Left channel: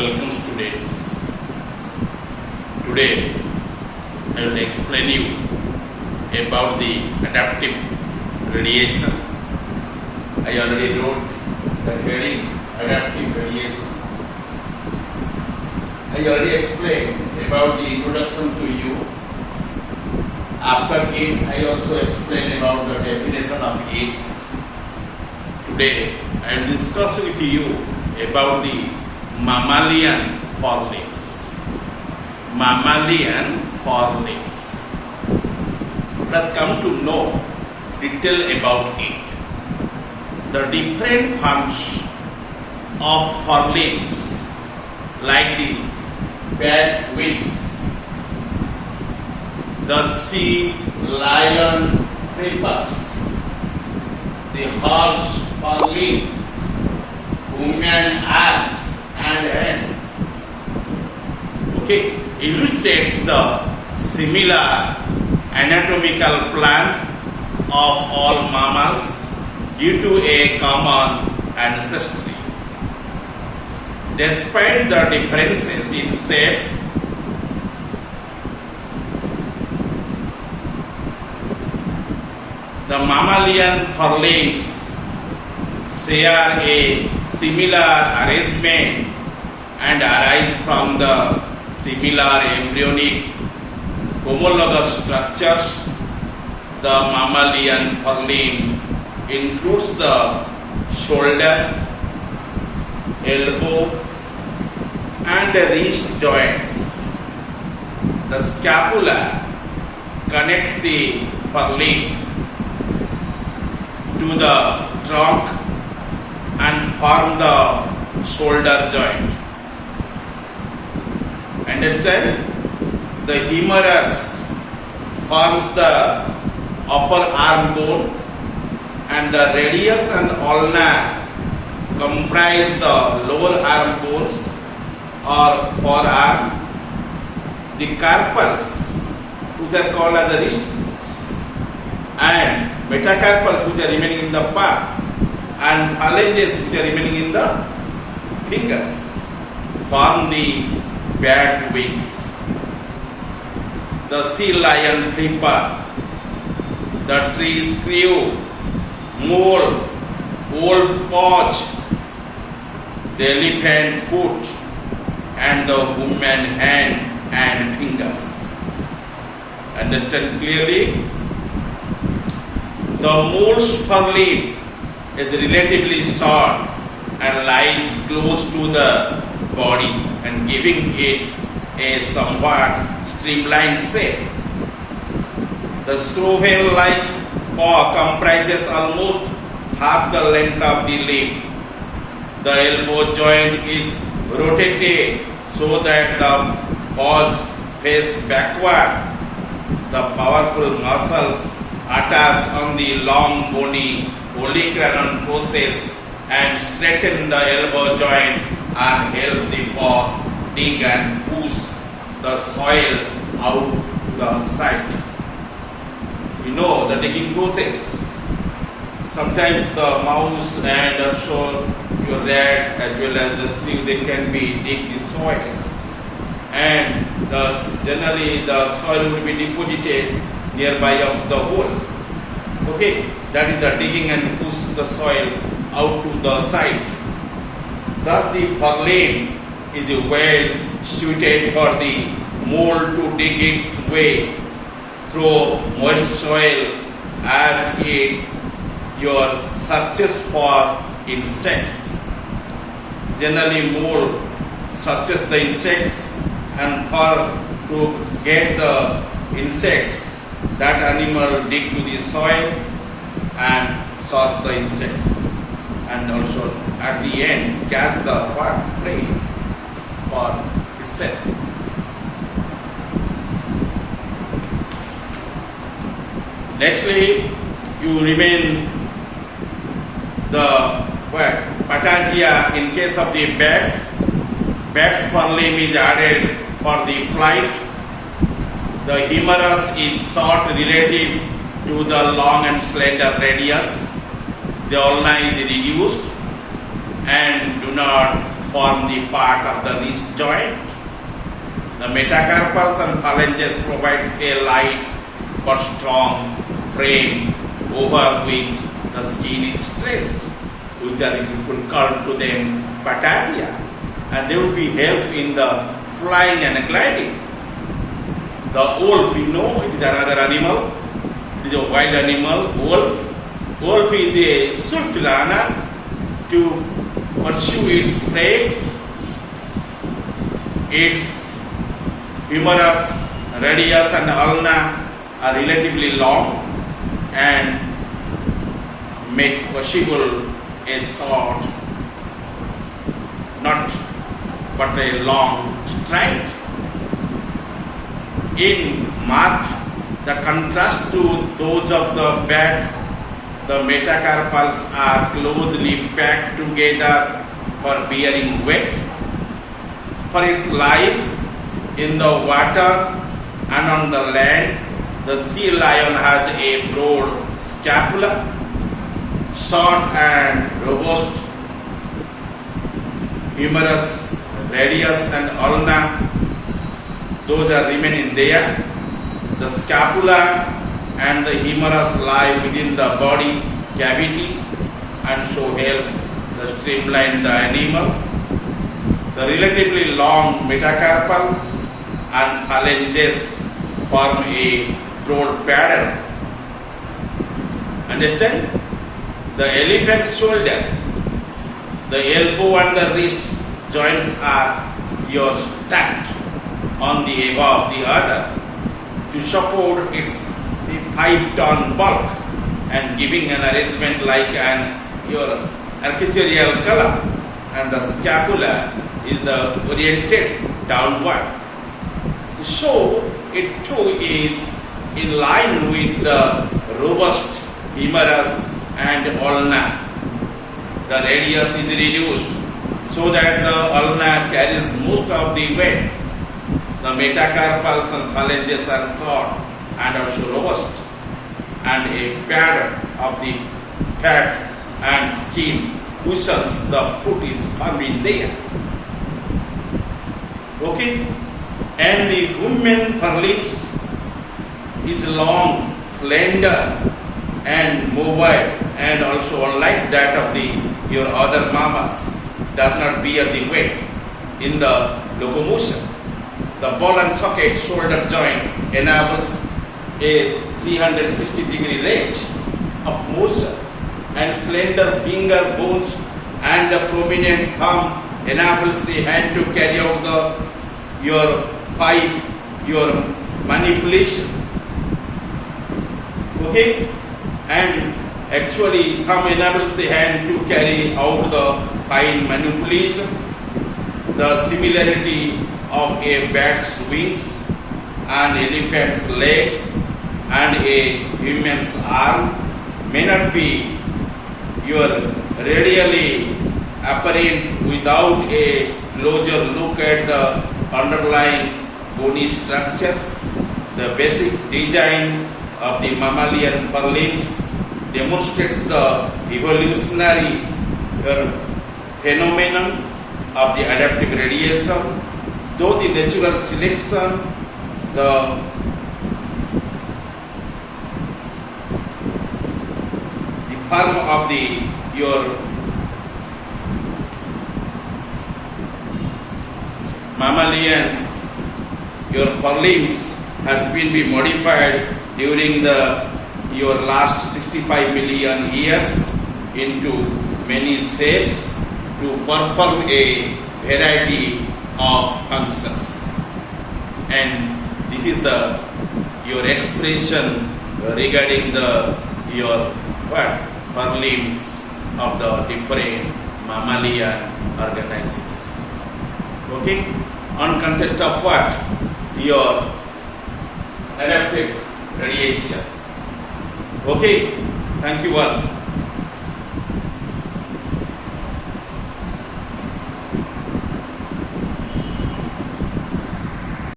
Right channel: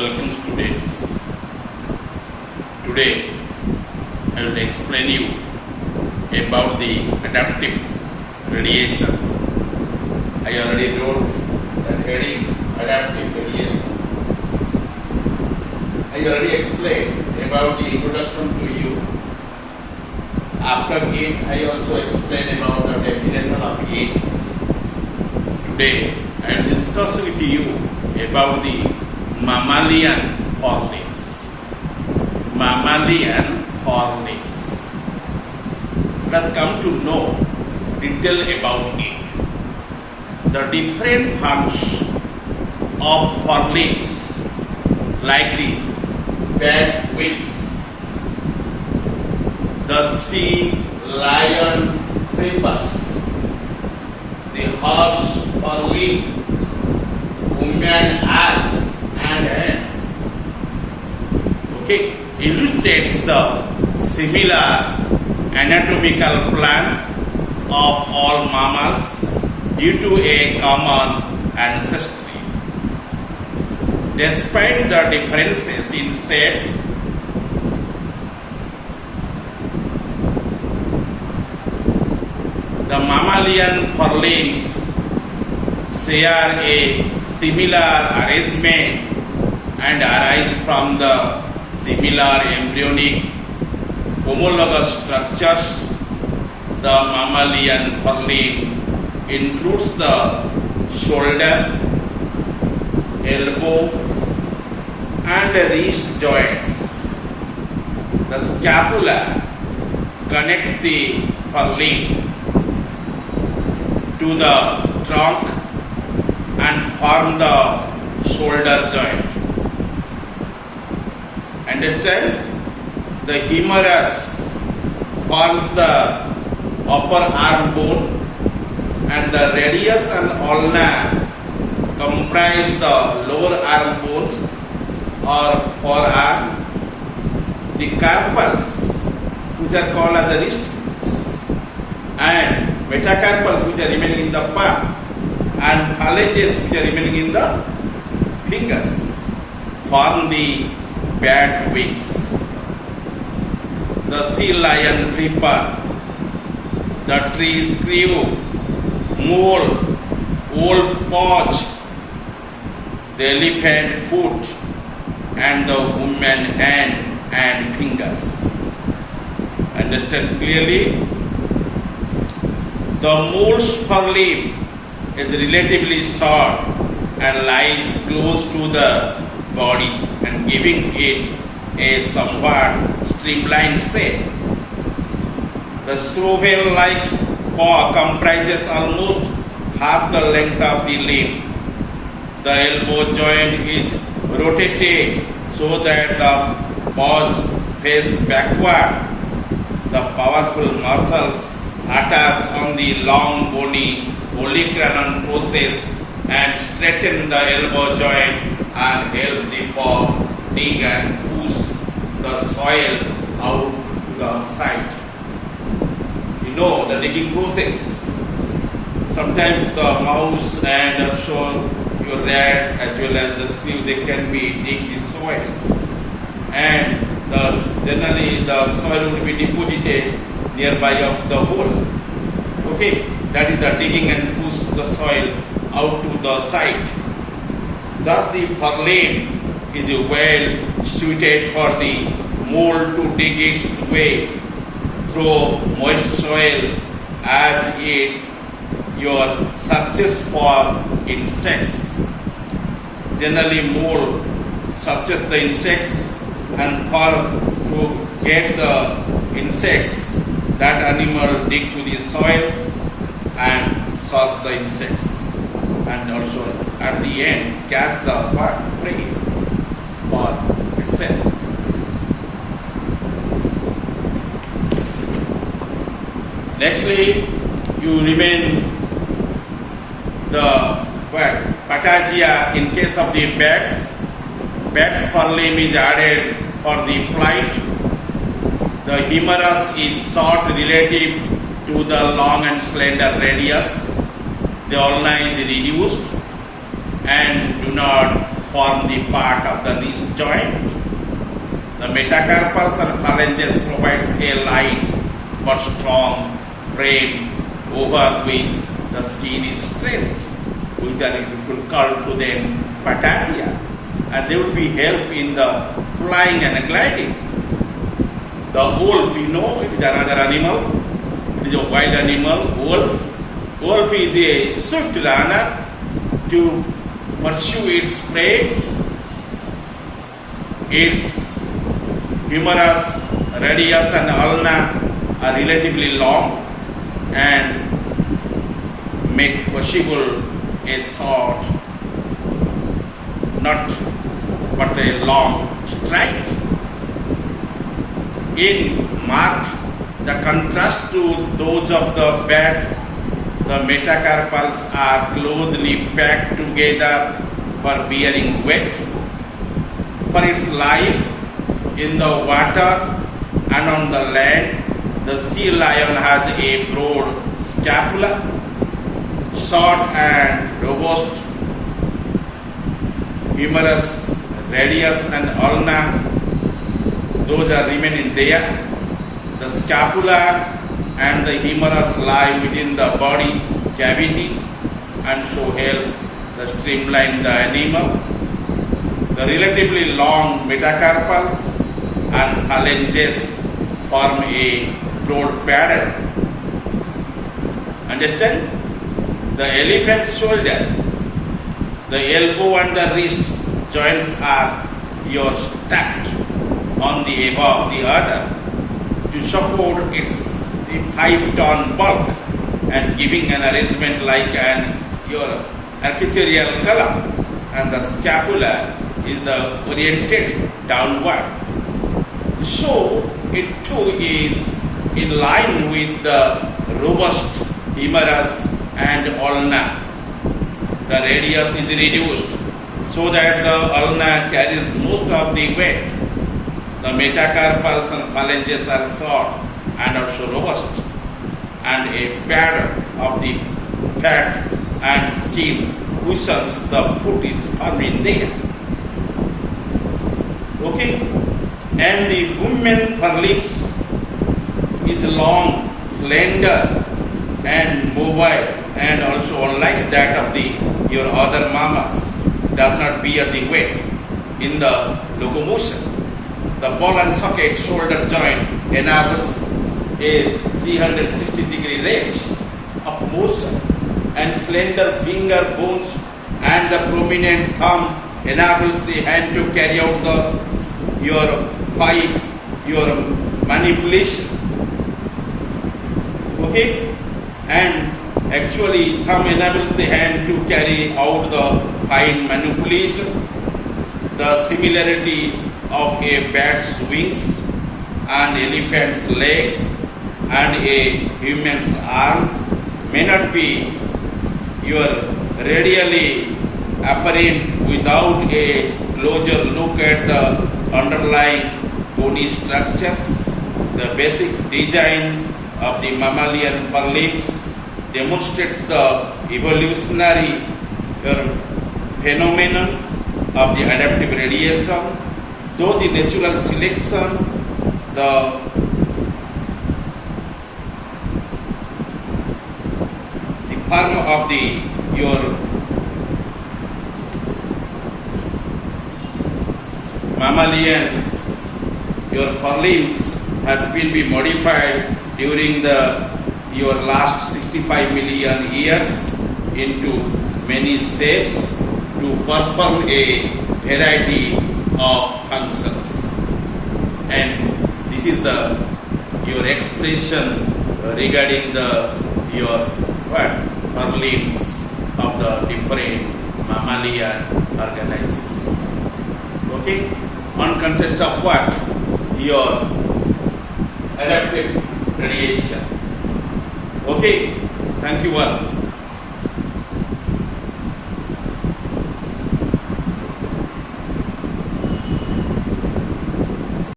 Welcome students. Today I will explain you about the adaptive radiation. I already wrote that heading, adaptive radiation. I already explained about the introduction to you. After it, I also explained about the definition of it. Today I will discuss with you about the mammalian forelimbs. Mammalian forelimbs. Let us come to know detail about it. The different forms of forelimbs, like the bat wings, the sea lion thrippers, the horse forelimb, woman arms and hands, illustrates the similar anatomical plan of all mammals due to a common ancestry. Despite the differences in shape, the mammalian forelimbs share a similar arrangement and arise from the similar embryonic homologous structures. The mammalian forelimb includes the shoulder, elbow, and the wrist joints. The scapula connects the forelimb to the trunk and form the shoulder joint. Understand? The humerus forms the upper arm bone, and the radius and ulna comprise the lower arm bones or forearm. The carpals, which are called as the wrist bones, and metacarpals, which are remaining in the palm, and phalanges, which are remaining in the fingers, form the bat wings. The sea lion thripper, the tree screw, mole, old paunch, the elephant foot, and the woman hand and fingers. Understand clearly? The mole's forelimb is relatively short and lies close to the body and giving it a somewhat streamlined shape. The shovel-like paw comprises almost half the length of the limb. The elbow joint is rotated so that the paws face backward. The powerful muscles attach on the long bony olecranon process and straighten the elbow joint and help the paw dig and push the soil out to the side. You know the digging process. Sometimes the mouse and also your rat as well as the snail, they can be dig the soils, and generally the soil would be deposited nearby of the hole. That is the digging and push the soil out to the side. Thus the forelimb is well suited for the mole to dig its way through moist soil as it your searches for insects. Generally mole searches the insects, and for to get the insects, that animal dig to the soil and search the insects, and also at the end catch the prey for itself. Nextly, you remain the patagia in case of the bats. Bats forelimb is added for the flight. The humerus is short relative to the long and slender radius. The ulna is reduced and do not form the part of the wrist joint. The metacarpals and phalanges provides a light but strong frame over which the skin is stressed, which are you could call to them patagia, and they will be help in the flying and gliding. The wolf, you know, it is another animal. It is a wild animal, wolf. Wolf is a swift runner to pursue its prey. Its humerus, radius and ulna are relatively long and make possible a short, not but a long stride. In marked the contrast to those of the bat, the metacarpals are closely packed together for bearing weight. For its life in the water and on the land, the sea lion has a broad scapula, short and robust humerus, radius and ulna. Those are remaining there. The scapula and the humerus lie within the body cavity and so help the streamline the animal. The relatively long metacarpals and phalanges form a broad paddle. Understand? The elephant's shoulder, the elbow and the wrist joints are stacked on the above the other to support its 5-ton bulk and giving an arrangement like your architectural column, and the scapula is oriented downward. So it too is in line with the robust humerus and ulna. The radius is reduced so that the ulna carries most of the weight. The metacarpals and phalanges are short and also robust, and a pattern of the fat and skin cushions the foot is firmly there. Okay? And the human forelimbs is long, slender, and mobile, and also unlike that of your other mammals, does not bear the weight in the locomotion. The ball and socket shoulder joint enables a 360-degree range of motion, and slender finger bones and the prominent thumb enables the hand to carry out your manipulation. Okay? And actually thumb enables the hand to carry out the fine manipulation. The similarity of a bat's wings, an elephant's leg, and a human's arm may not be radially apparent without a closer look at the underlying bony structures. The basic design of the mammalian forelimbs demonstrates the evolutionary phenomenon of the adaptive radiation, though the natural selection, the form of your mammalian, your forelimbs has been modified during your last 65 million years into many shapes to perform a variety of functions. And this is your expression regarding your forelimbs of the different mammalian organisms. Okay? On context of what? Your adaptive radiation. Okay? Thank you all.